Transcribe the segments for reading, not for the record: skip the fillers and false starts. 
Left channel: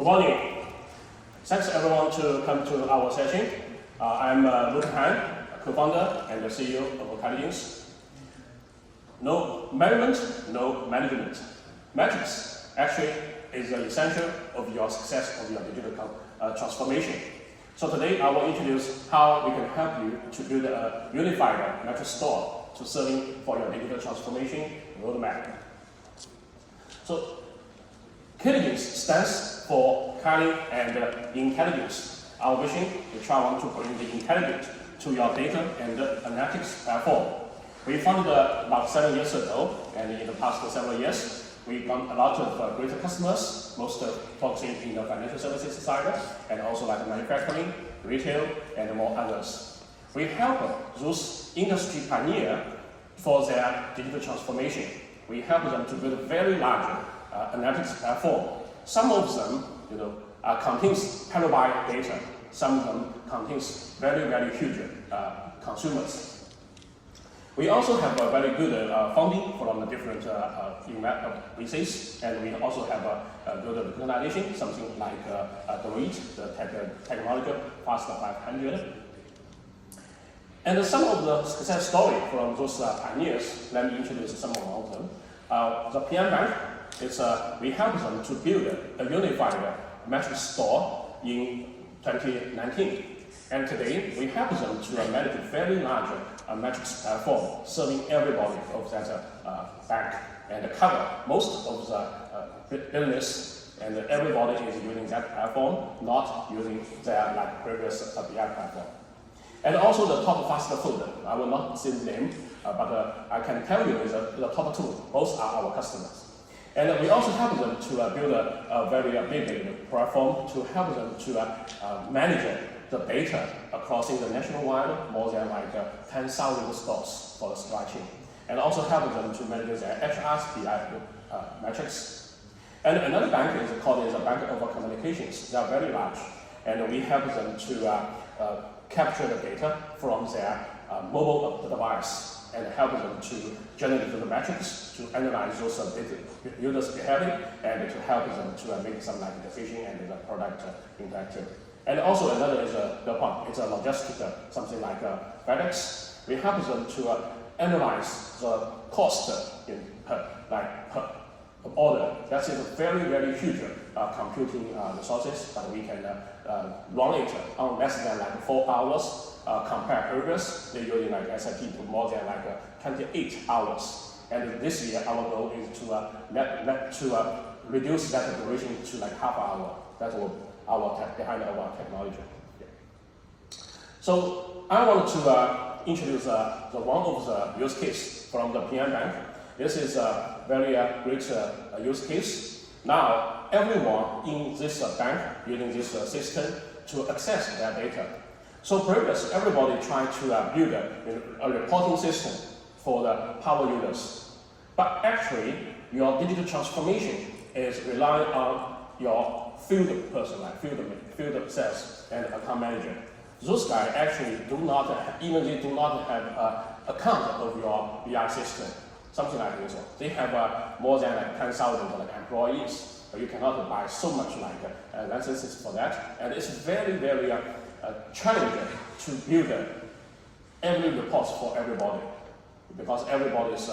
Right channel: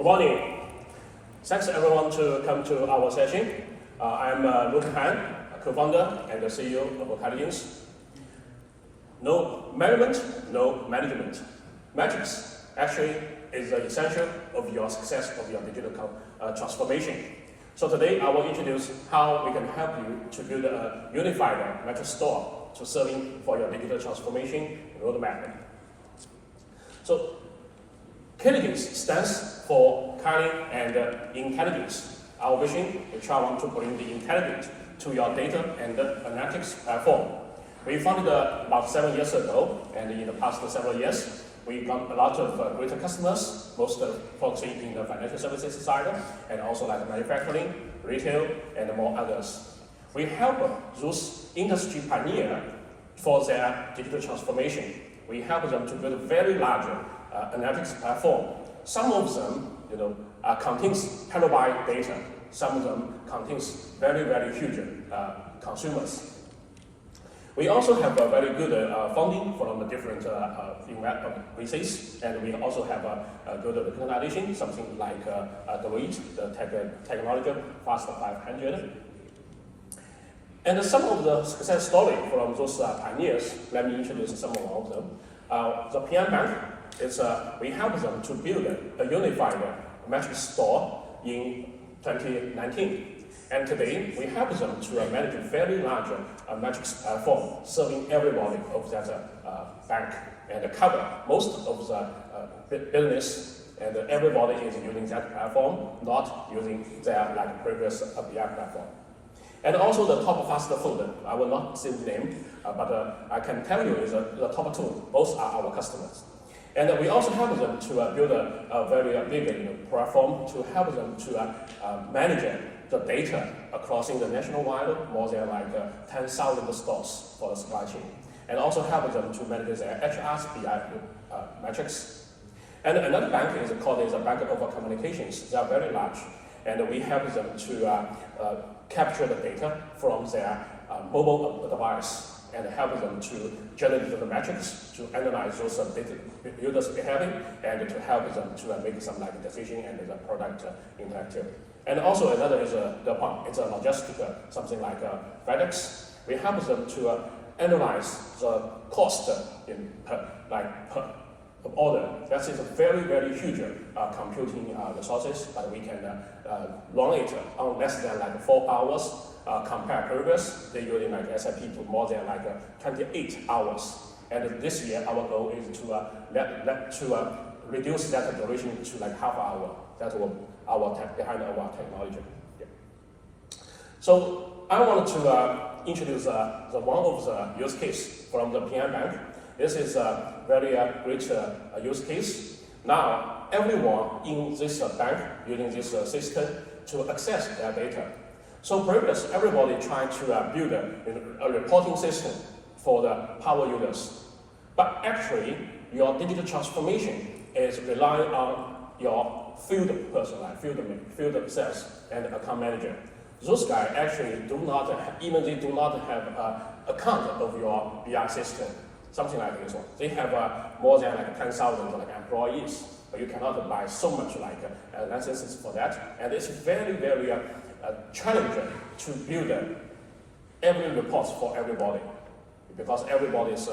Good morning. Thanks everyone to come to our session. I'm Luke Han, co-founder and the CEO of Kyligence. No measurement, no management. Metrics actually is the essential of your success of your digital transformation. So today I will introduce how we can help you to build a unified metric store to serving for your digital transformation roadmap. So Kyligence stands for Kylin and Intelligence. Our vision is try to bring the intelligence to your data and analytics platform. We founded about 7 years ago, and in the past several years, we got a lot of great customers, most focusing in the financial services side, and also like manufacturing, retail, and more others. We help those industry pioneers for their digital transformation. We help them to build a very large analytics platform. Some of them, contains petabyte data. Some of them contains very, very huge consumers. We also have a very good funding from the different VCs, and we also have a good organization, something like the REIT, the Technology Fast 500. And some of the success stories from those pioneers, let me introduce some of them. The PM Bank is we help them to build a unified metric store in 2019. And today, we help them to manage a very large metrics platform, serving everybody of that bank, and cover most of the business, and everybody is using that platform, not using their previous BI platform. And also the top fast food, I will not say the name, but I can tell you is the top two, both are our customers. And we also help them to build a very big platform to help them to manage the data across the nationwide, more than like 10,000 stores for the supply chain. And also help them to manage their HRSPI metrics. And another bank is called the Bank of Communications. They are very large, and we help them to capture the data from their mobile device and help them to generate the metrics, to analyze those users' behavior, and to help them to make some decision and the product interactive. And also another is it's a logistic, something like FedEx. We help them to analyze the cost per order. That is a very, very huge computing resources, but we can run it on less than 4 hours. Compare previous, they using SAP to more than 28 hours. And this year, our goal is to reduce that duration to half hour. That's what behind our technology. Yeah. So I want to introduce the one of the use case from the PM Bank. This is a very rich use case. Now, everyone in this bank using this system to access their data. So previously, everybody tried to build a reporting system for the power users. But actually, your digital transformation is relying on your field person, field sales, and account manager. Those guys actually do not have an account of your BI system. Something like this. They have more than 10,000 employees, but you cannot buy so much licenses for that. And it's very, very challenging to build every report for everybody, because everybody's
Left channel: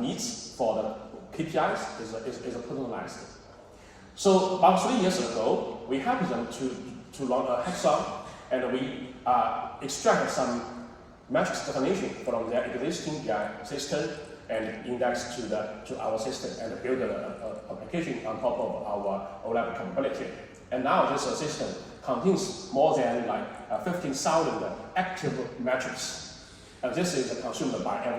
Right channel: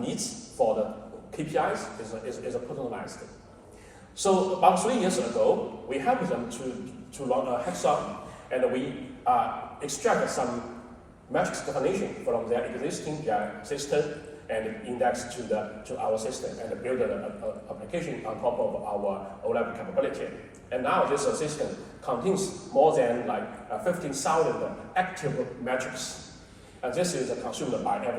needs for the KPIs is personalized. So about 3 years ago, we helped them to run a hackathon, and we extract some metrics definition from their existing BI system and index to our system and build an application on top of our OLAP capability. And now this system contains more than 15,000 active metrics. And this is consumed by the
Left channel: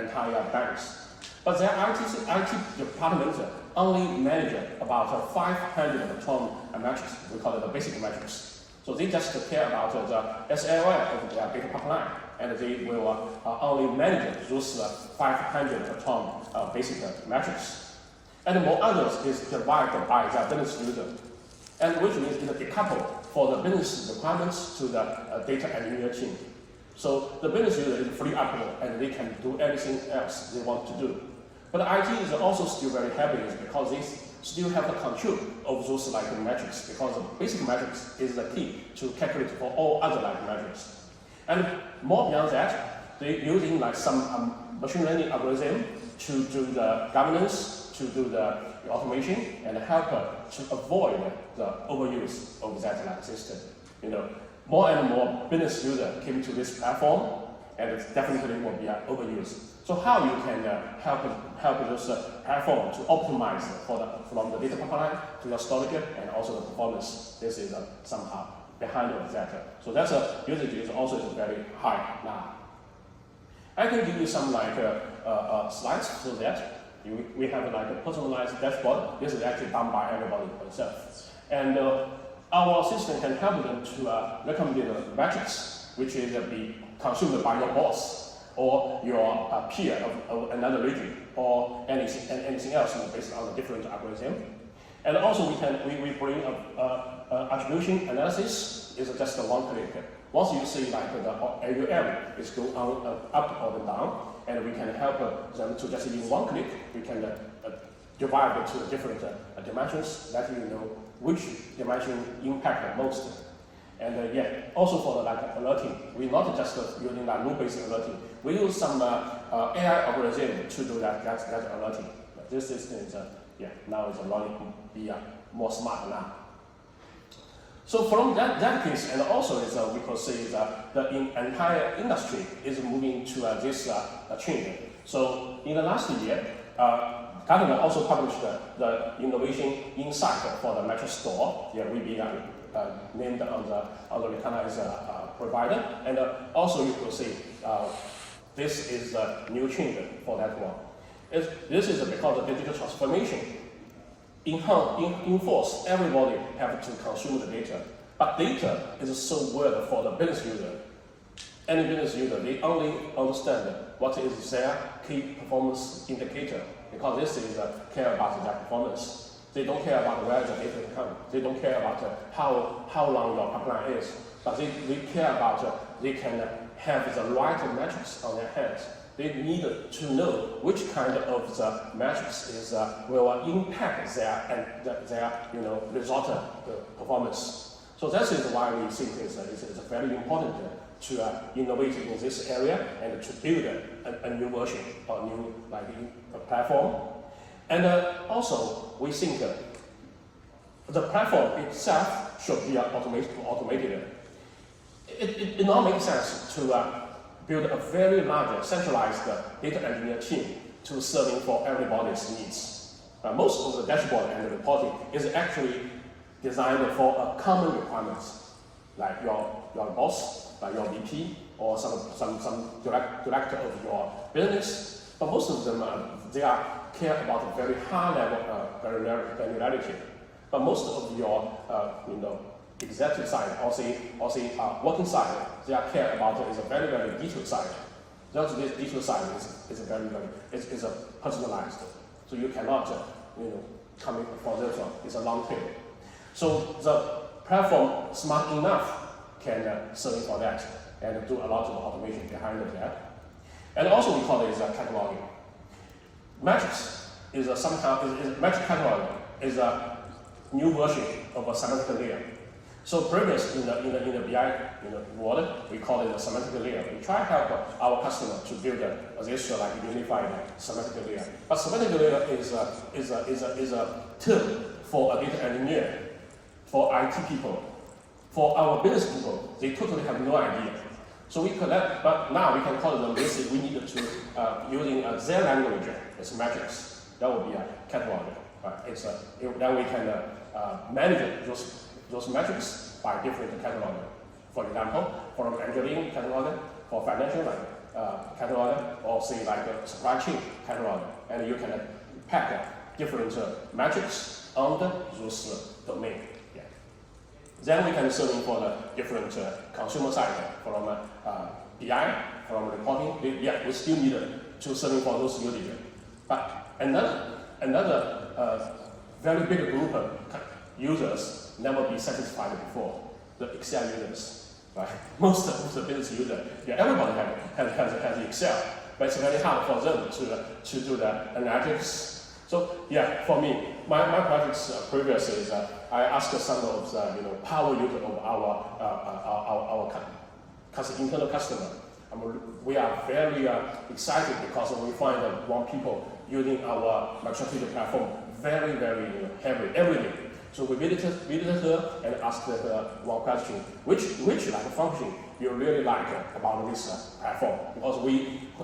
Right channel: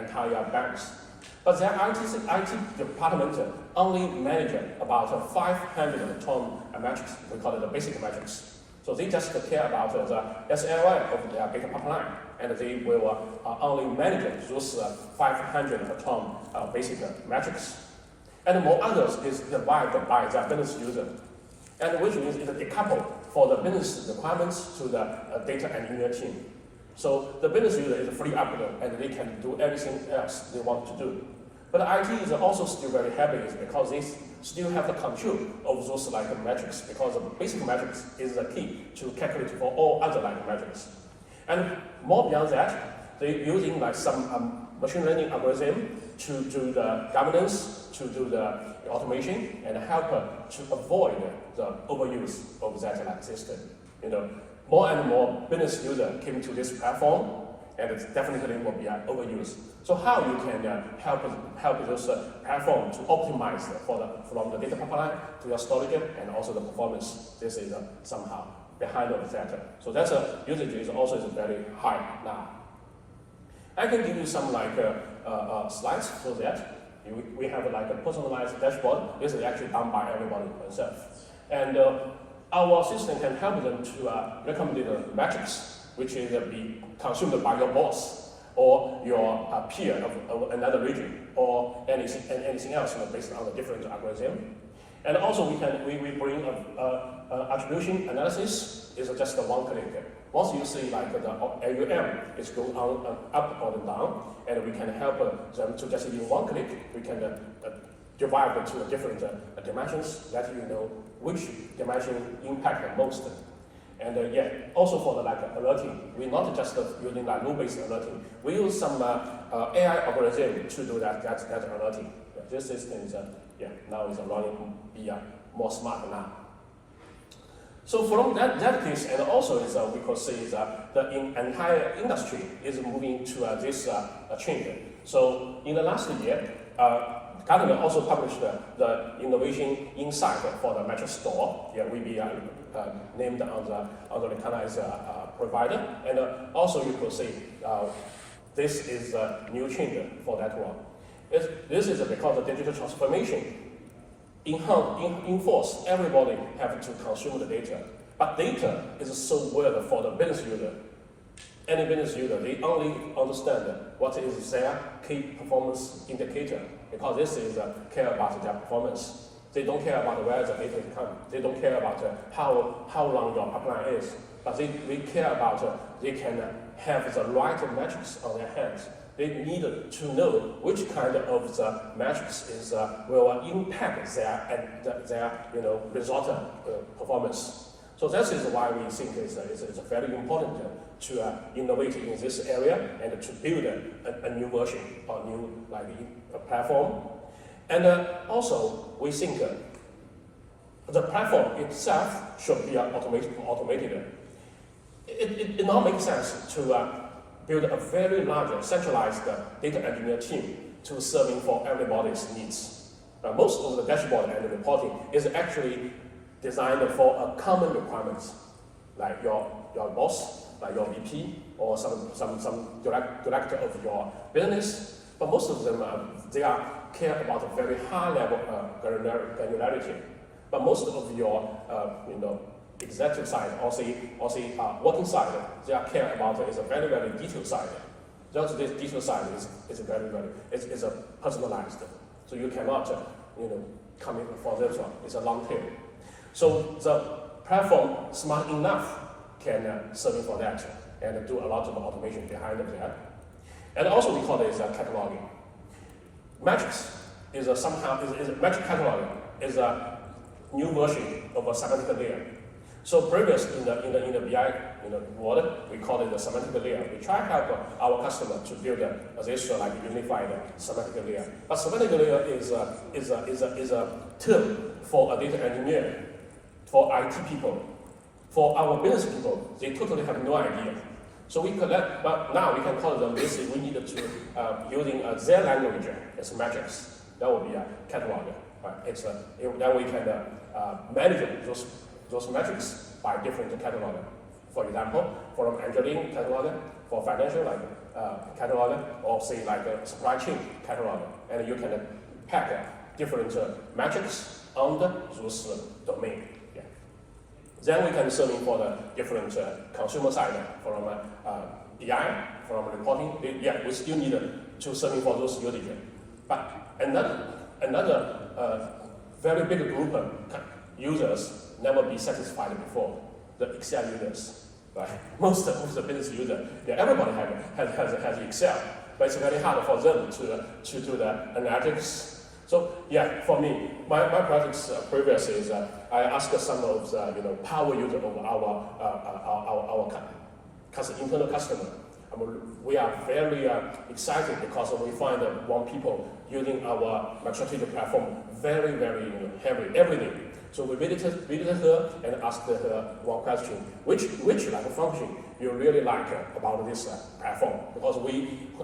entire banks. But their IT department only manage about 512 metrics. We call it the basic metrics. So they just care about the SLI of their data pipeline, and they will only manage those 512 basic metrics. And more others is provided by the business user, and which means it's decoupled for the business requirements to the data engineer team. So the business user is free up, and they can do everything else they want to do. But IT is also still very heavy because they still have the control of those like metrics, because the basic metrics is the key to calculate for all other like metrics. And more beyond that, they're using like some machine learning algorithm to do the governance, to do the automation, and help to avoid the overuse of that like system. More and more business users came to this platform, and it definitely will be overused. So how you can help those platform to optimize from the data pipeline to your storage and also the performance. This is somehow behind of that. So that's usage is also very high now. I can give you some like slides so that we have like a personalized dashboard. This is actually done by everybody themselves. And our system can help them to recommend the metrics, which is be consumed by your boss or your peer of another region or anything else based on a different algorithm. And also we bring attribution analysis is just a one click. Once you see like the AUM is going on up or down, and we can help them to just in one click, we can divide it to different dimensions, let you know which dimension impact the most. And also for the like alerting, we're not just using like rule-based alerting. We use some AI algorithm to do that alerting. This system is now is running be more smart now. So from that case, and also is we could say that the entire industry is moving to this change. So in the last year, Gartner also published the innovation insight for the metric store. We be named on the recognized provider, and also you could say this is a new change for that one. This is because the digital transformation enforce everybody have to consume the data. But data is so weird for the business user. Any business user, they only understand what is their key performance indicator, because this is care about their performance. They don't care about where the data comes. They don't care about how long your pipeline is. But they care about they can have the right metrics on their hands. They need to know which kind of the metrics is will impact their result performance. So that is why we think it's very important to innovate in this area and to build a new version or new platform. And also we think the platform itself should be automated. It not makes sense to build a very large centralized data engineer team to serving for everybody's needs. Most of the dashboard and the reporting is actually designed for a common requirements, like your boss, like your VP, or some director of your business. But most of them they care about a very high level granularity. But most of your executive side or say working side, they care about is a very detailed side. Just this detailed side is it's a personalized. So you cannot come in for this one. It's a long tail. So the platform smart enough can serve for that and do a lot of automation behind that. And also we call it cataloging. Metrics is metric cataloging is a new version of a semantic layer. So previous in the BI world, we call it the semantic layer. We try to help our customer to build this unified semantic layer. But semantic layer is a term for a data engineer, for IT people, for our business people. They totally have no idea. So we collect, but now we can call them. We need to using their language as metrics. That would be a catalog. Then we can manage those metrics by different catalog. For example, for engineering catalog, for financial catalog, or say supply chain catalog, and you can pack different metrics under those domain. Yeah. Then we can serve for the different consumer side from BI, from reporting. We still need to serve for those users. But another very big group of users never be satisfied before, the Excel users, right? Most of the business users, everybody has Excel, but it's very hard for them to do the analytics. So yeah, for me, my projects previous is I asked some of the power user of our internal customer. We are very excited because we find more people using our Microsoft platform very heavily every day. So we visited her and asked her one question: which function you really like about this platform? Because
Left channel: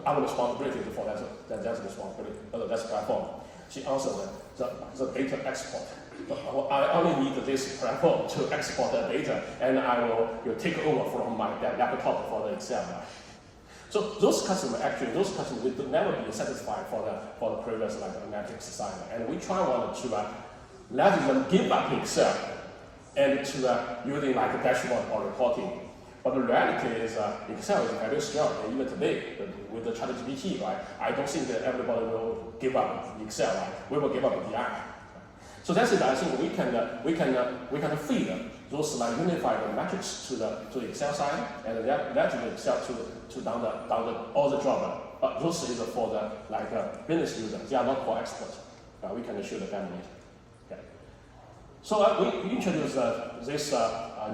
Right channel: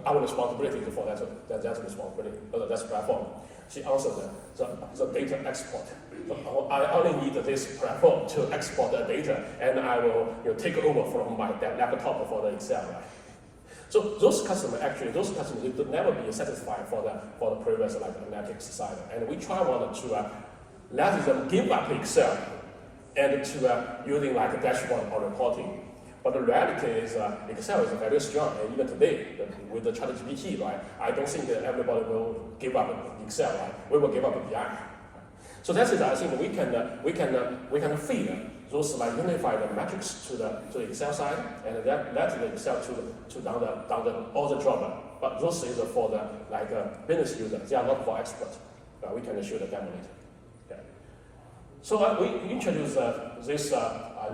our responsibility for that responsibility, that's platform. She answered the data export. I only need this platform to export the data, and I will take over from my laptop for the Excel. So those customers will never be satisfied for the previous analytics side, and we try to let them give up Excel and to using a dashboard or reporting. But the reality is Excel is very strong. Even today with the ChatGPT, right? I don't think that everybody will give up Excel. Right? We will give up BI. So that's it. I think we can feed those unified metrics to the Excel side, and that the Excel to down all the job. But those is for the business user. They are not for expert. We can show the demo. Yeah. So we introduced this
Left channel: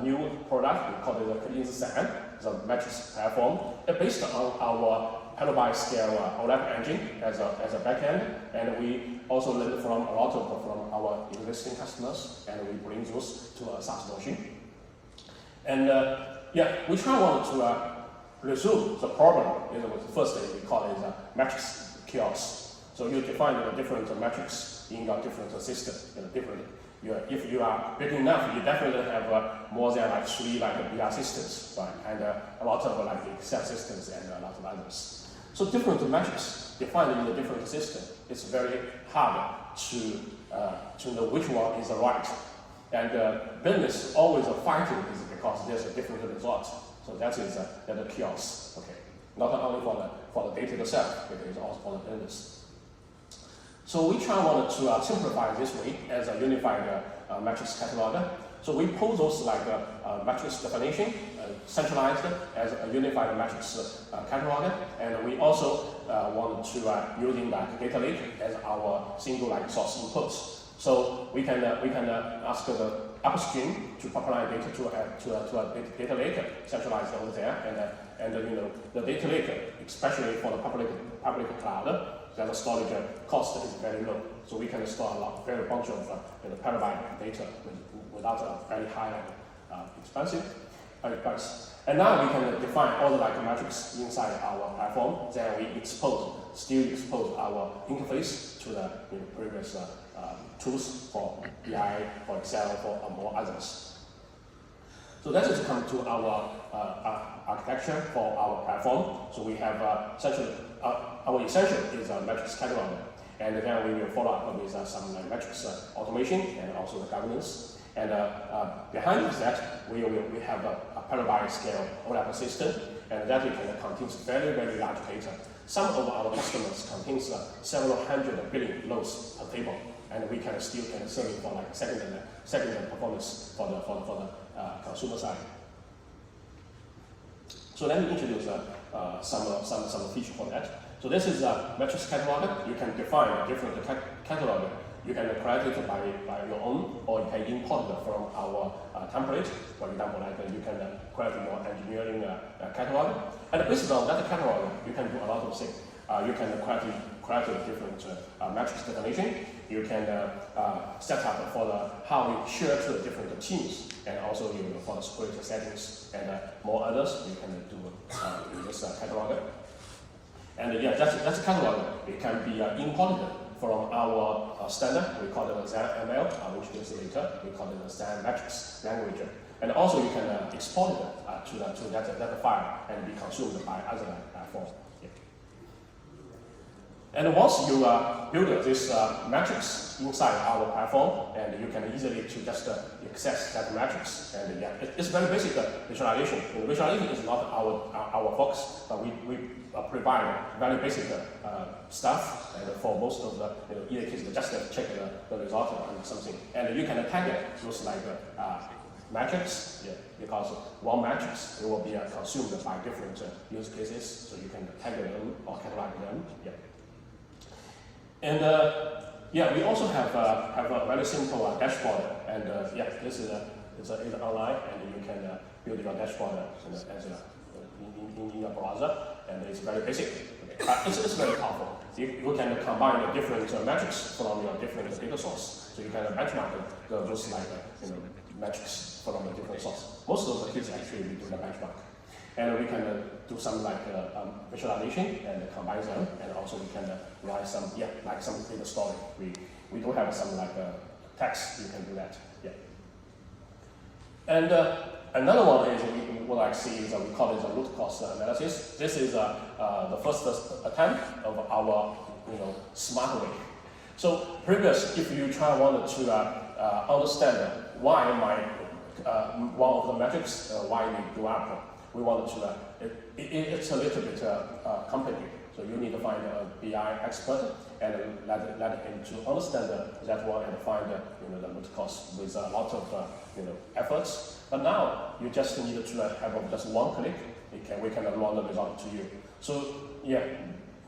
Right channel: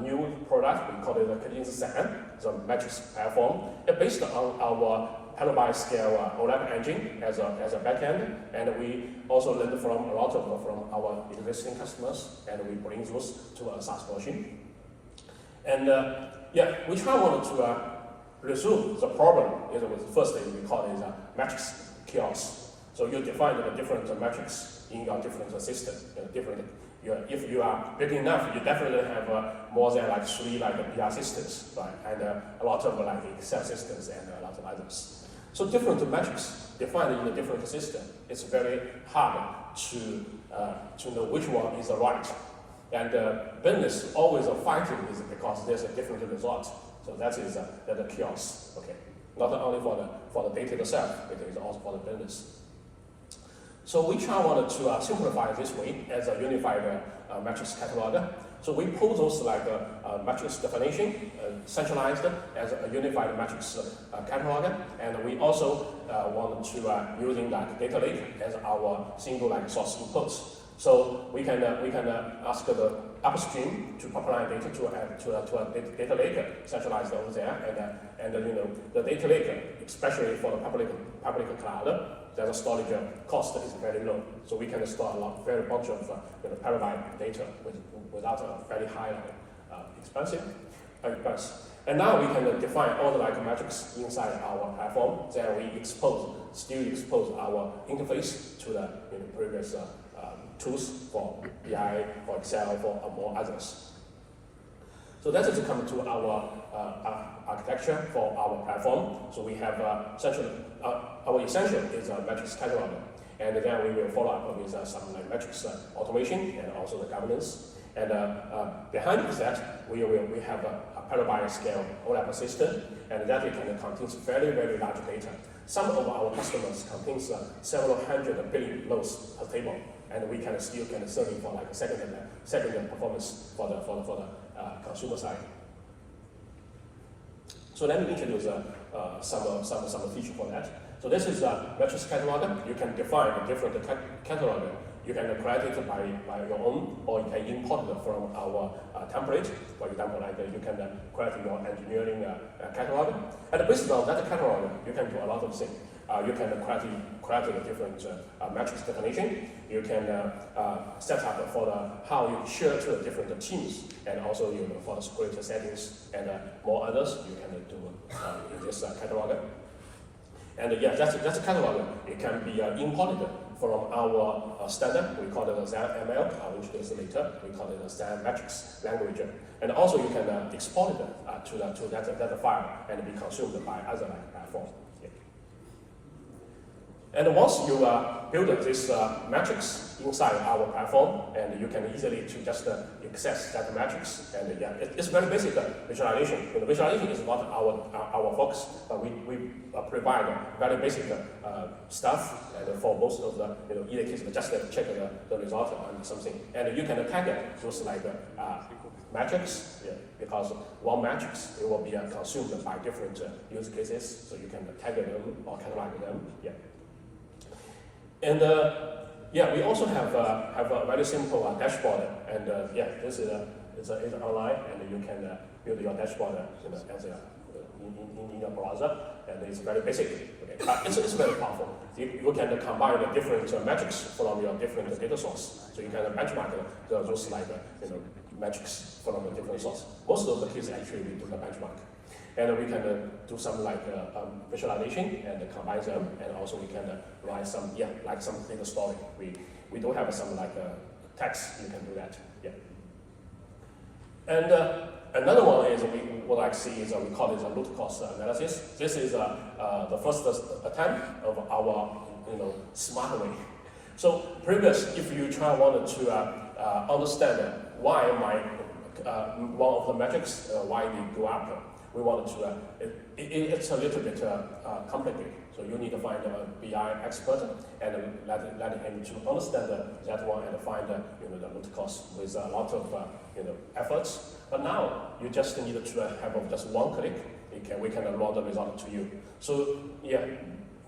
new product. We call it the Kyligence, the metrics platform. It's based on our petabyte scale OLAP engine as a backend, and we also learned from a lot from our existing customers, and we bring those to a SaaS version. And we try to resolve the problem. First thing we call it metrics chaos. So you define the different metrics in a different system, if you are big enough, you definitely have more than 3 BI systems, right? And a lot of Excel systems and a lot of others. So different metrics defined in a different system. It's very hard to know which one is right. And business always fighting with it because there's a different result. So that is the chaos. Okay, not only for the data itself, it is also for the business. So we wanted to simplify this way as a unified metrics catalog. So we pull those metrics definition, centralized as a unified metrics catalog, and we also want to using data lake as our single source inputs. So we can ask the upstream to populate data to a data lake centralized over there, and the data lake, especially for the public cloud, the storage cost is very low. So we can store a very bunch of petabyte data without a very high expense. And now we can define all the metrics inside our platform. Then we still expose our interface to the previous tools for BI, for Excel, for more others. So that is coming to our architecture for our platform. So we have our essential is a metrics catalog, and then we will follow up with some metrics automation and also the governance. And behind that, we have a petabyte scale OLAP system, and that contains very large data. Some of our customers contains several hundred billion rows per table, and we still serve it for second performance for the consumer side. So let me introduce some feature for that. So this is a metrics catalog. You can define different catalog. You can create it by your own, or you can import it from our template. For example, you can create your engineering catalog. And based on that catalog, you can do a lot of things. You can create a different metrics definition. You can set up for how you share to the different teams, and also for the sprint settings and more others you can do in this catalog. And that's a catalog. It can be imported from our standard. We call it a ZML, which is later. We call it a ZAM metrics language. And also you can export it to that file and be consumed by other platforms. And once you build this metrics inside our platform, and you can easily just access that metrics. And it's very basic visualization. Visualization is not our focus, but we provide very basic stuff. And for most of the either case, just check the result or something. And you can tag those metrics, because one matrix it will be consumed by different use cases, so you can tag them or catalog them. And we also have a very simple dashboard, and this is online, and you can build your dashboard as in your browser, and it's very basic. Okay. But it's very powerful. You can combine the different metrics from your different data source, so you can benchmark those metrics from the different source. Most of the cases actually we do the benchmark, and we can do some visualization and combine them, and also we can write some some data story. We don't have some text. You can do that. And another one is what I see is we call this a root cause analysis. This is the first attempt of our smart way. So previous, if you wanted to understand why one of the metrics why we go up, we wanted to it's a little bit complicated. So you need to find a BI expert and let him to understand that one and find the root cause with a lot of efforts. But now you just need to have just one click. We can run the result to you. So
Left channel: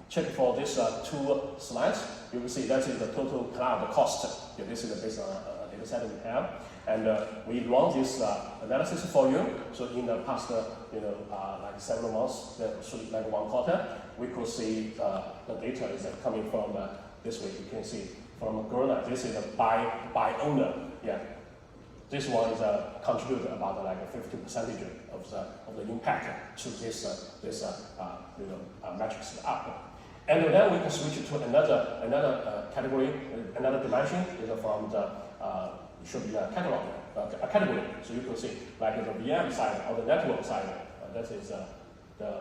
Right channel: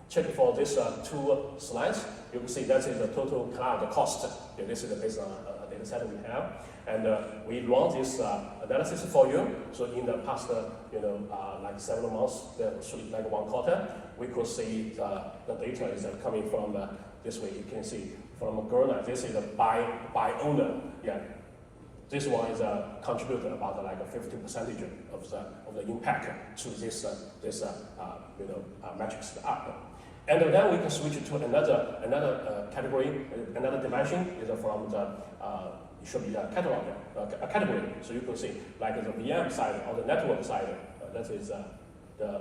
check for this two slides. You will see that is the total cloud cost. This is the base data set we have, and we run this analysis for you. So in the past, several months, like 1 quarter, we could see the data is coming from this way. You can see from Gartner. This is by owner. This one is contributed about 50% of the impact to this metrics up. And then we can switch to another category, another dimension is from the it should be a catalog, a category. So you can see like the VM side or the network side. That is the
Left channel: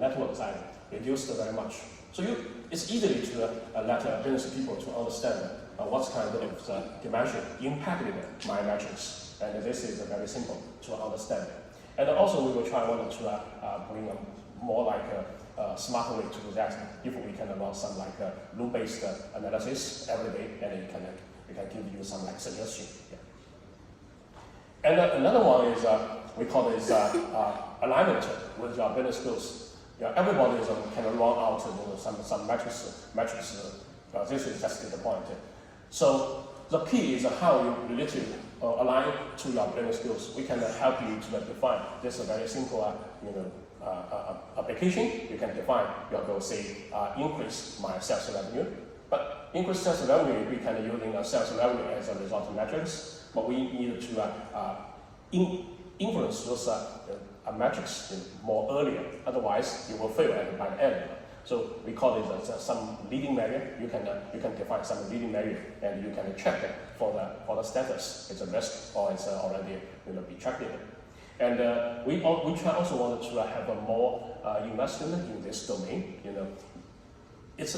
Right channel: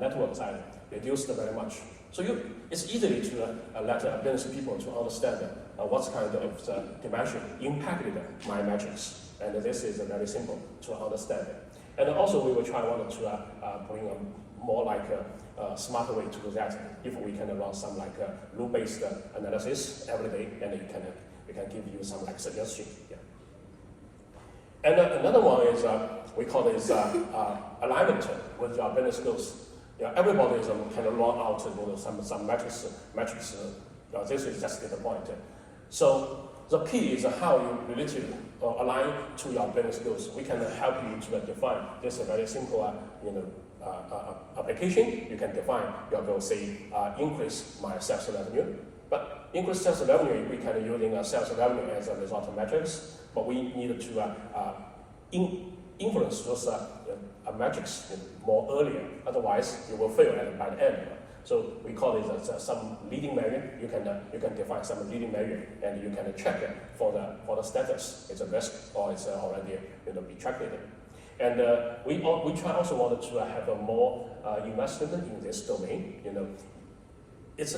network side reduced very much. So it's easy to let business people to understand what kind of dimension impacted my metrics, and this is very simple to understand. And also we will try to bring a more smart way to do that. If we can run some rule-based analysis every day, and it can give you some suggestion. And another one is we call it alignment with your business goals. Everybody can run out some metrics. This is just the point. So the key is how you literally align to your business goals. We can help you to define. This is a very simple application. You can define your goal, say increase my sales revenue. But increase sales revenue, we can using sales revenue as a result of metrics. But we need to influence those metrics more earlier. Otherwise, you will fail by the end. So we call it some leading measure. You can define some leading measure, and you can check for the status. It's a risk or it's already retracted. And we also wanted to have a more investment in this domain. It's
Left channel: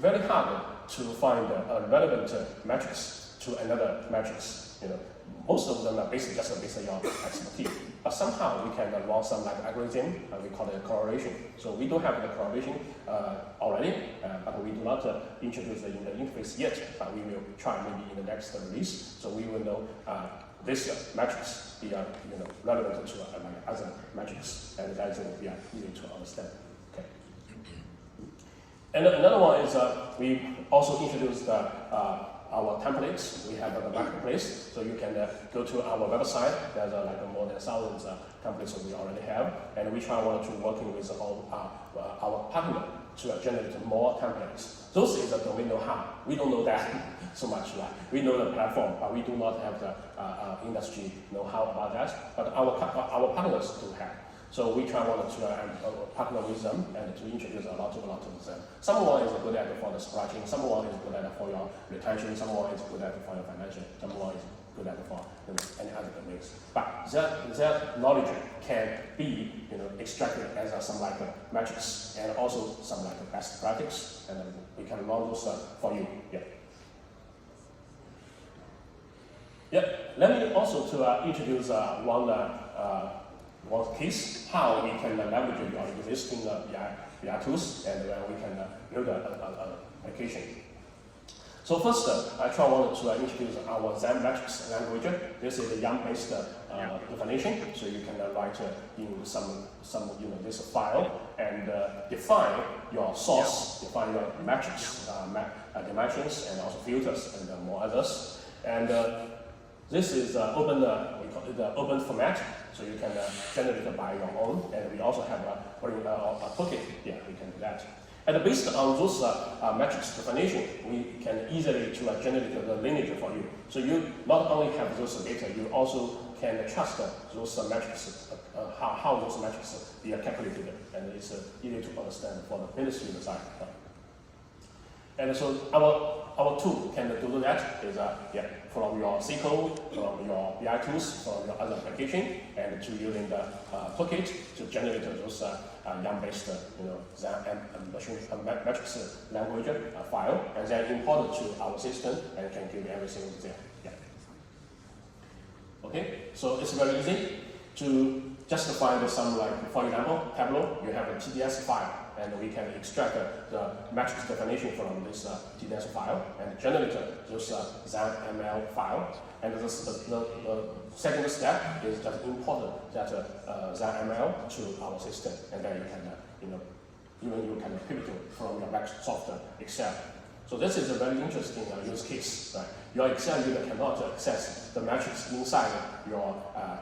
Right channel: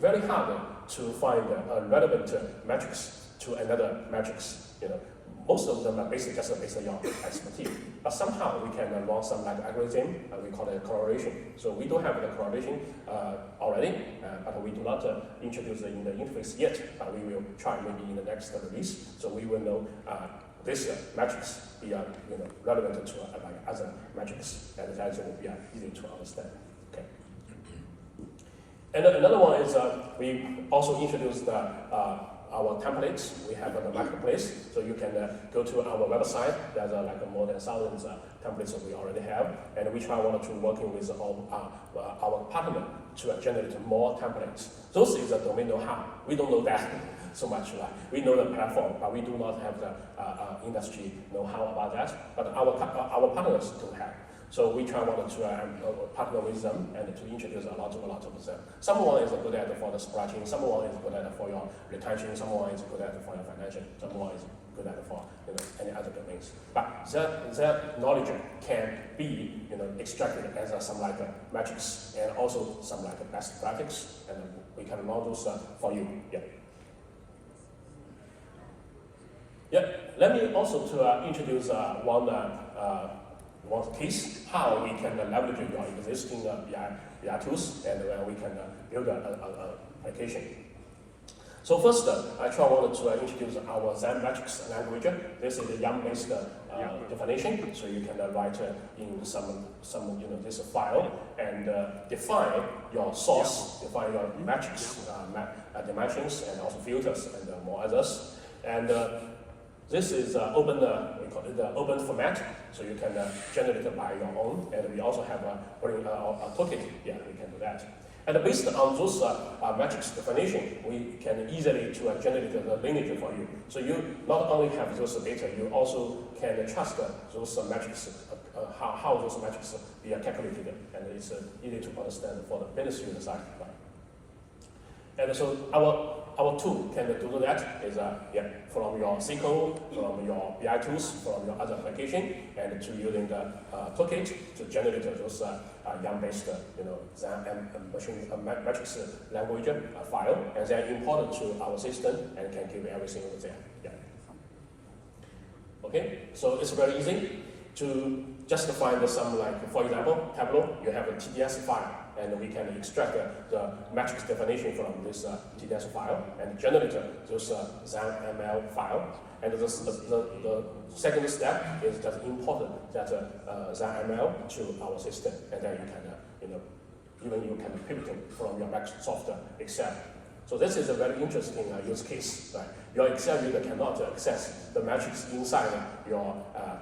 very hard to find relevant metrics to another metrics. Most of them are basically just based on your expertise. But somehow we can run some algorithm, we call it correlation. So we don't have the correlation already, but we do not introduce it in the interface yet. But we will try maybe in the next release. So we will know this metrics be relevant to other metrics, and that will be easy to understand. Okay. And another one is we also introduced our templates. We have the marketplace, so you can go to our website. There's more than 1,000 templates that we already have, and we wanted to working with our partner to generate more templates. Those is the domain know-how. We don't know that so much, right? We know the platform, but we do not have the industry know-how about that. But our partners do have. So we wanted to partner with them and to introduce a lot of them. Someone is good at for the scratching, someone is good at for your retention, someone is good at for your financial, someone is good at for any other domains. But that knowledge can be extracted as some metrics and also some best practice, and then we can run those for you. Let me also introduce one case, how we can leverage your existing BI tools, and we can build an application. So first, actually I wanted to introduce our Zen metrics language. This is a YAML-based definition, so you can write in some this file and define your source, define your metrics, dimensions, and also filters and more others. And this is open. We call it the open format, so you can generate it by your own. And we also have a token. Yeah, you can do that. And based on those metrics definition, we can easily generate the lineage for you. So you not only have those data, you also can trust those metrics, how those metrics are calculated, and it's easy to understand for the business user side. And so our tool can do that is from your SQL, from your BI tools, from your other application, and to using the toolkit to generate those YAML-based Zen and machine metrics language file, and then import it to our system and can give everything there. Yeah. Okay, so it's very easy to just find some, like, for example, Tableau, you have a TDS file, and we can extract the matrix definition from this TDS file and generate those ZML file. And the second step is that import that ZML to our system, and then you can, even you can pivot from your Microsoft Excel. So this is a very interesting use case. Right? Your Excel user cannot access the metrics inside your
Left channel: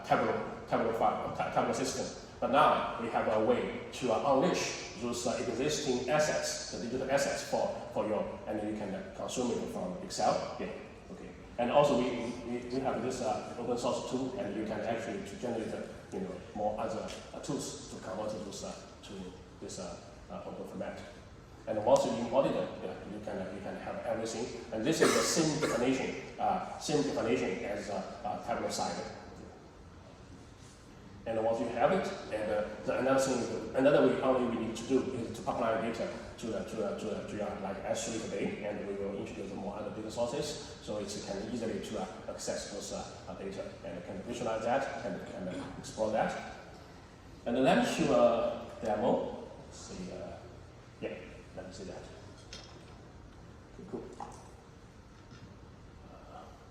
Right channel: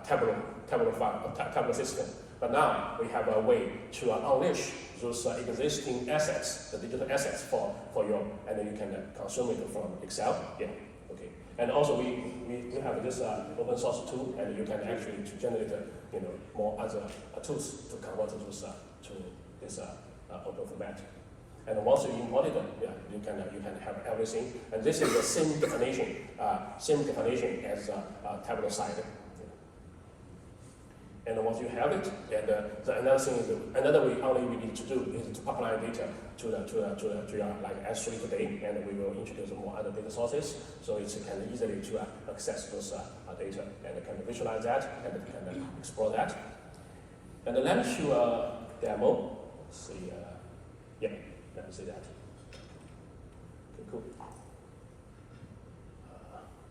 Tableau system. But now we have a way to unleash those existing assets, the digital assets for you, and then you can consume it from Excel. Yeah. Okay. And also we have this open source tool, and you can actually generate more other tools to convert those to this open format. And once you import it, you can have everything. And this is the same definition as Tableau side. And once you have it, and another way how we need to do is to apply data to your like S3 today, and we will introduce more other data sources, so it can easily to access those data and can visualize that and can explore that. And let me show a demo. Let's see, let me see that. Okay, cool.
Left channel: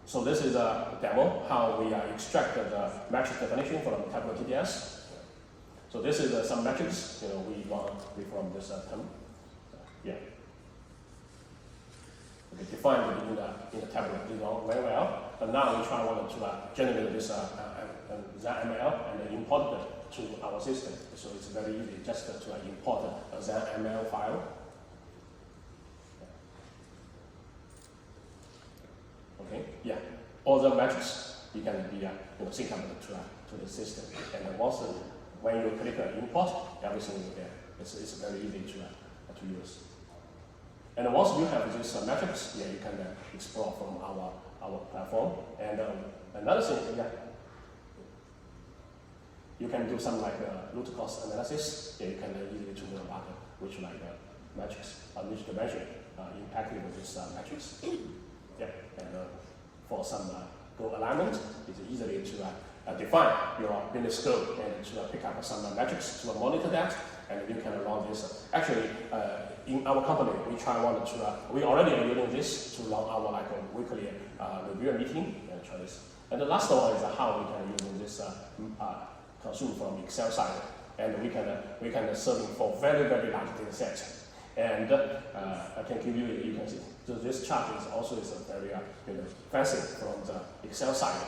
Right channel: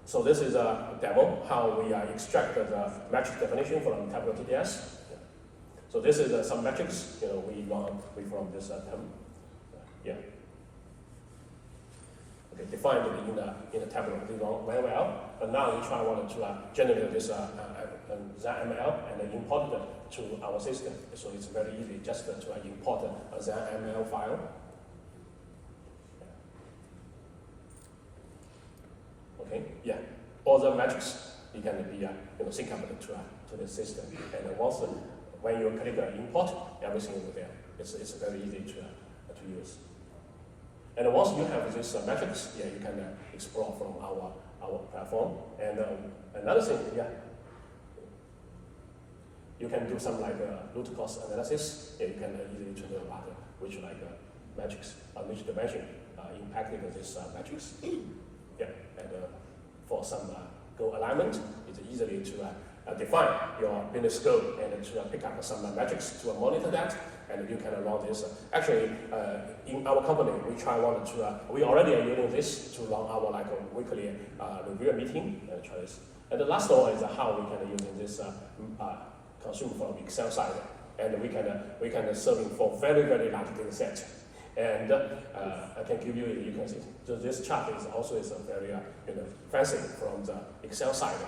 So this is a demo how we extract the metric definition from Tableau TDS. So this is some metrics we from this demo. Yeah. Okay, defined in the Tableau very well. But now we wanted to generate this ZML and then import it to our system. So it's very easy just to import a ZML file. Okay, yeah. All the metrics you can be sync up to the system, and then once when you click import, everything is there. It's very easy to use. And once you have these metrics, you can explore from our platform. And another thing, you can do some like root cause analysis. You can easily to know about which metrics which dimension impacted this metrics. Yeah, and for some goal alignment, it's easily to define your business goal and to pick up some metrics to monitor that, and you can run this. Actually, in our company, we already are using this to run our weekly review meeting choice. And the last one is how we can use this consume from Excel side, and we can serve for very large data set. And I can give you can see. So this chart is also very fancy from the Excel side,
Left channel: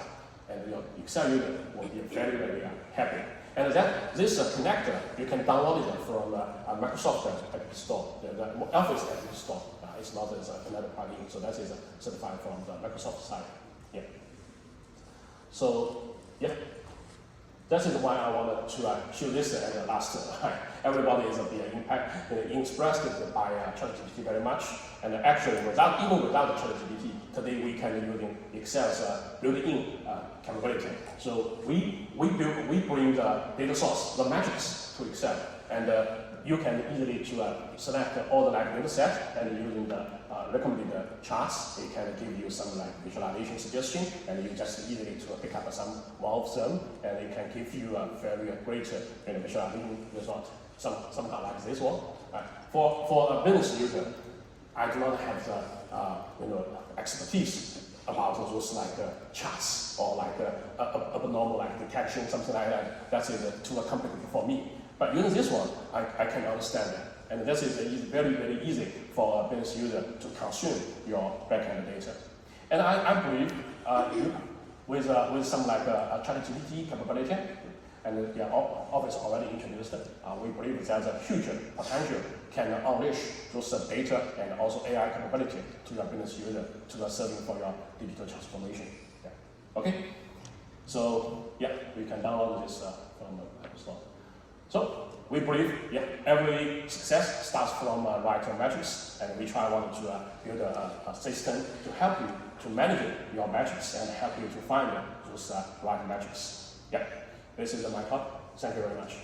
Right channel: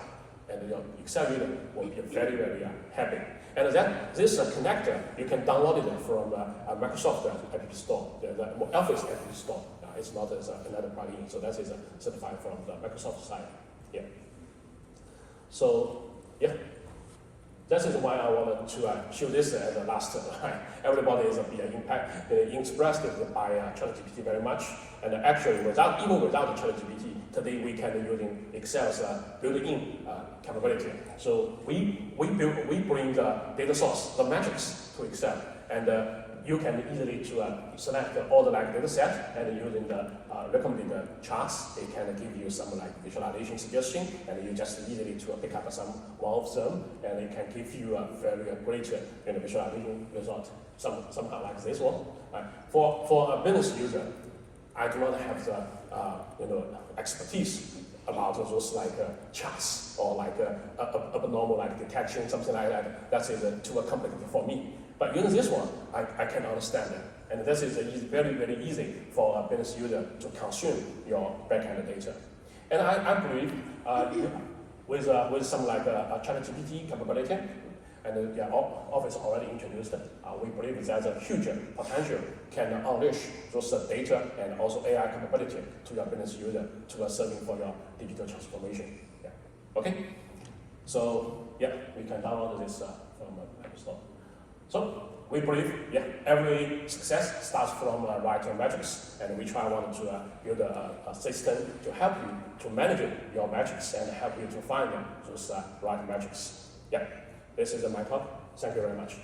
and your Excel user will be very happy. And then this connector you can download it from Microsoft App Store, the Office App Store. It's not another plugin, so that is certified from the Microsoft side. Yeah. So yeah. That is why I wanted to show this as the last slide. Everybody is impressed by ChatGPT very much, and actually even without ChatGPT, today we can using Excel's built-in capability. So we bring the data source, the metrics to Excel, and you can easily select all the data set, and using the recommended charts, it can give you some visualization suggestion, and you just easily pick up one of them, and it can give you a very great visualization result. Somehow like this one. For a business user, I do not have the expertise about those charts or abnormal detection, something like that. That's too complicated for me. But using this one, I can understand it. And this is very, very easy for a business user to consume your backend data. And I believe with some ChatGPT capability, and then Office already introduced, we believe there's a huge potential can unleash those data and also AI capability to your business user to serving for your digital transformation. Yeah. Okay. So yeah, you can download this from the App Store. So we believe every success starts from right metrics, and we try to build a system to help you to manage your metrics and help you to find those right metrics. Yeah. This is my talk. Thank you very much.